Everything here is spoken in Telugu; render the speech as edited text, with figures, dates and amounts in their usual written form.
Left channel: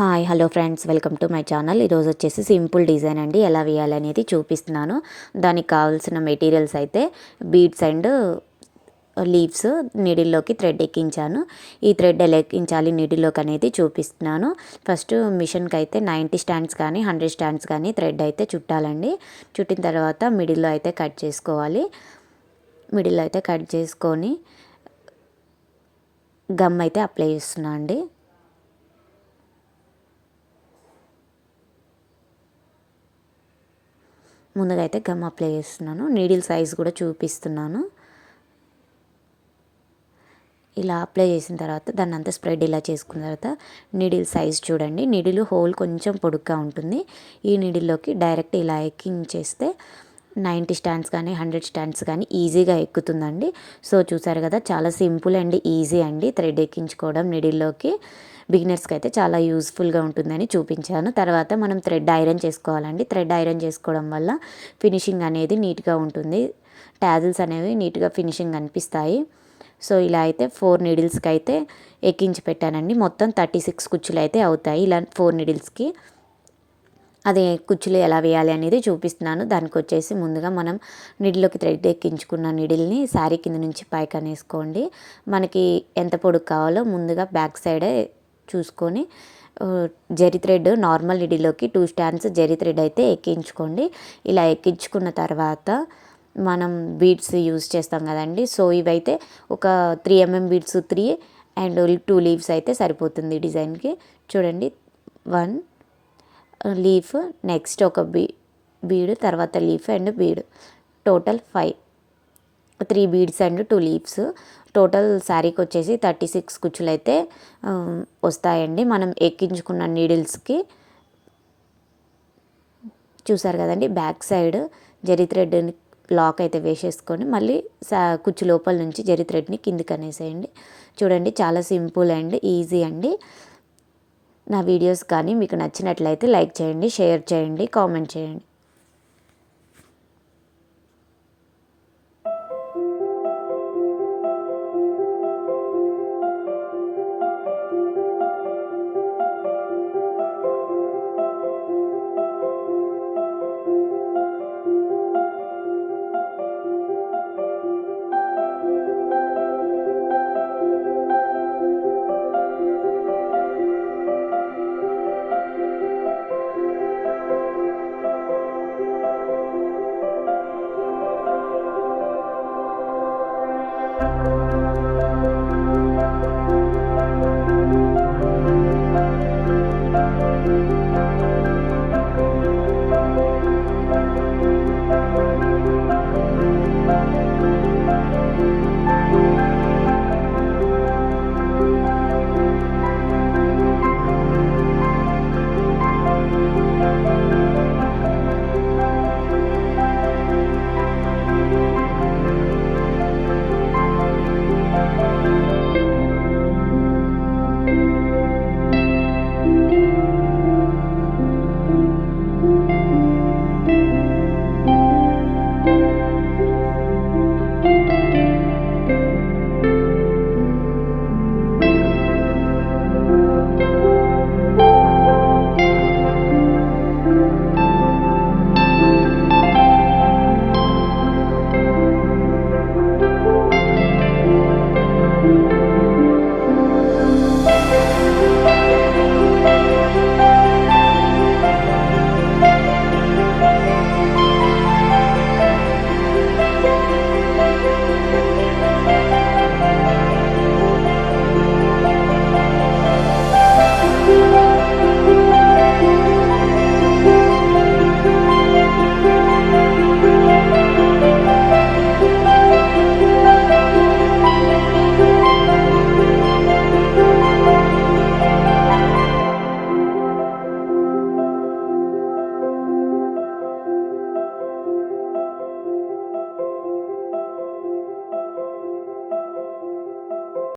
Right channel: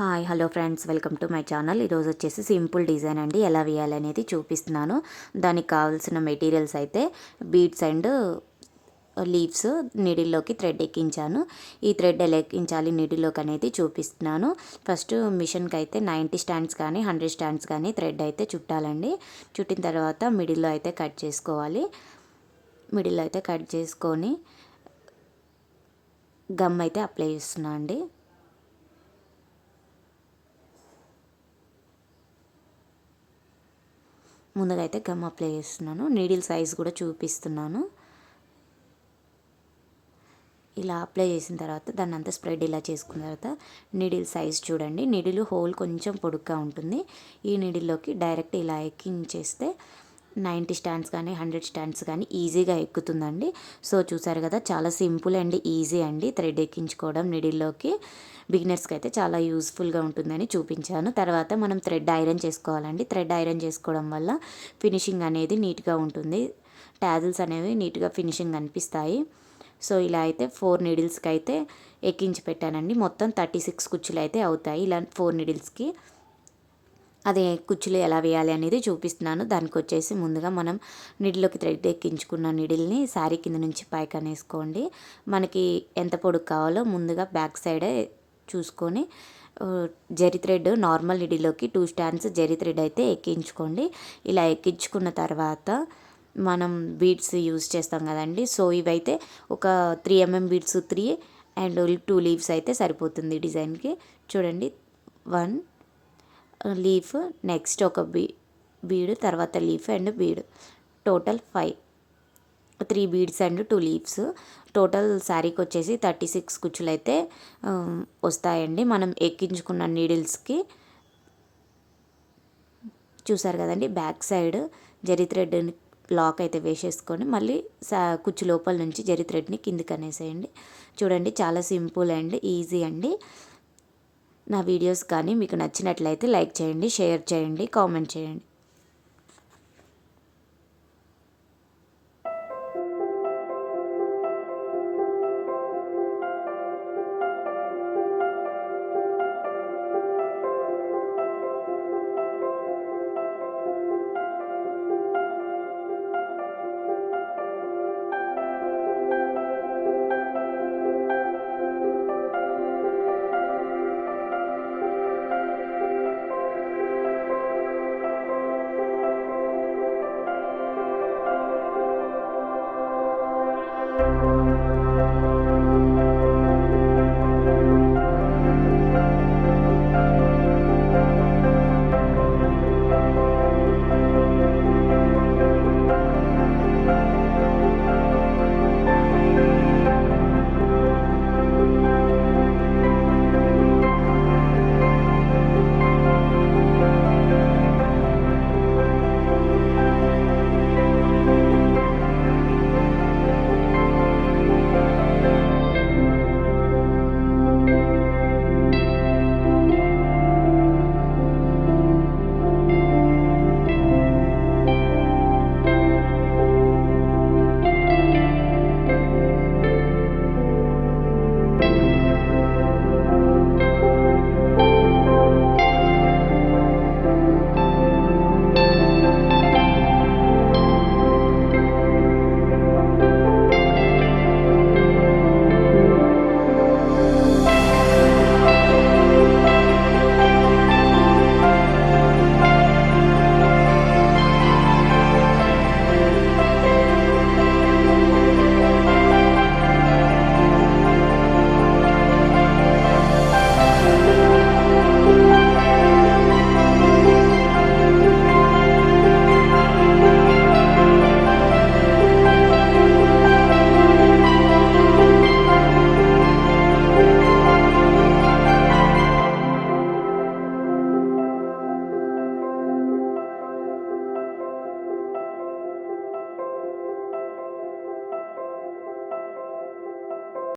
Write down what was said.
Hi hello friends, welcome to my channel. ఈరోజు వచ్చేసి సింపుల్ డిజైన్ అండి, ఎలా వేయాలనేది చూపిస్తున్నాను. దానికి కావాల్సిన మెటీరియల్స్ అయితే బీడ్స్ అండ్ లీవ్స్, నీడిల్లోకి థ్రెడ్ ఎక్కించాను. ఈ థ్రెడ్ ఎలా ఎక్కించాలి నీడిల్లోకి అనేది చూపిస్తున్నాను. ఫస్ట్ మిషన్కి అయితే 90 స్టాండ్స్ కానీ 100 స్టాండ్స్ కానీ థ్రెడ్ అయితే చుట్టాలండి. చుట్టిన తర్వాత మిడిల్లో అయితే కట్ చేసుకోవాలి. మిడిల్లో అయితే కట్ చేసుకొని గమ్ అయితే అప్లై చేస్తున్నా అండి. ముందుగా అయితే గమ్ అప్లై చేస్తున్నాను. నీడిల్ సైజ్ కూడా చూపిస్తున్నాను. ఇలా అప్లై చేసిన తర్వాత దాన్ని అంతా స్ప్రెడ్ ఇలా చేసుకున్న తర్వాత నీడిల్ సైజ్ చూడండి. నీడిల్ హోల్ కొంచెం పొడుగ్గా ఉంటుంది. ఈ నీడిల్లోకి డైరెక్ట్ ఇలా ఎక్కించేస్తే 90 స్టాండ్స్ కానీ 100 స్టాండ్స్ కానీ ఈజీగా ఎక్కుతుందండి. సో చూసారు కదా, చాలా సింపుల్ అండ్ ఈజీ అండి థ్రెడ్ ఎక్కించుకోవడం నీడిల్లోకి. బిగినర్స్కి అయితే చాలా యూస్ఫుల్గా ఉంటుందని చూపించాను. తర్వాత మనం థ్రెడ్ ఐరన్ చేసుకోవాలండి. థ్రెడ్ ఐరన్ చేసుకోవడం వల్ల ఫినిషింగ్ అనేది నీట్గా ఉంటుంది. టాజిల్స్ అనేవి నీట్గా ఫినిషింగ్ అనిపిస్తాయి. సో ఇలా అయితే 4 నీడిల్స్కి అయితే ఎక్కించి పెట్టానండి. మొత్తం 36 కుచ్చులు అయితే అవుతాయి ఇలా 4 నీడిల్స్కి. అదే కుచ్చులు ఎలా వేయాలి అనేది చూపిస్తున్నాను. దానికి వచ్చేసి ముందుగా మనం నీడిల్లోకి థ్రెడ్ ఎక్కించుకున్న నీడిల్ని శారీ కింద నుంచి పైకి అనేసుకోండి. మనకి ఎంత పొడుగు కావాలో ముందుగా బ్యాక్ సైడే చూసుకొని జరీ థ్రెడ్ నార్మల్ నీడిల్లోకి 2 స్టాండ్స్ జరీ థ్రెడ్ అయితే ఎక్కించుకోండి. ఇలా ఎక్కించుకున్న తర్వాత మనం బీడ్స్ యూజ్ చేస్తాం కదండి. సో ఇవైతే ఒక 3 mm బీడ్స్ 3 అండ్ 2 లీవ్స్ అయితే సరిపోతుంది డిజైన్కి. చూడండి, 1 లీఫ్, నెక్స్ట్ ఒక బీడ్, తర్వాత leaf and bead, total 5, 3 beads and 2 leaves. Total శారీకి వచ్చేసి 36 కుచ్చులు అయితే వస్తాయండి మనం ఎక్కించుకున్న నీడిల్స్కి. చూసారు కదండి, బ్యాక్ సైడ్ జరీ థ్రెడ్ లాక్ అయితే వేసేసుకొని మళ్ళీ కుచ్చు లోపల నుంచి జరీ థ్రెడ్ని కిందికి అనేసేయండి. చూడండి, చాలా సింపుల్ అండ్ ఈజీ అండి. నా వీడియోస్ కానీ మీకు నచ్చినట్లయితే లైక్ చేయండి, షేర్ చేయండి, కామెంట్ చేయండి.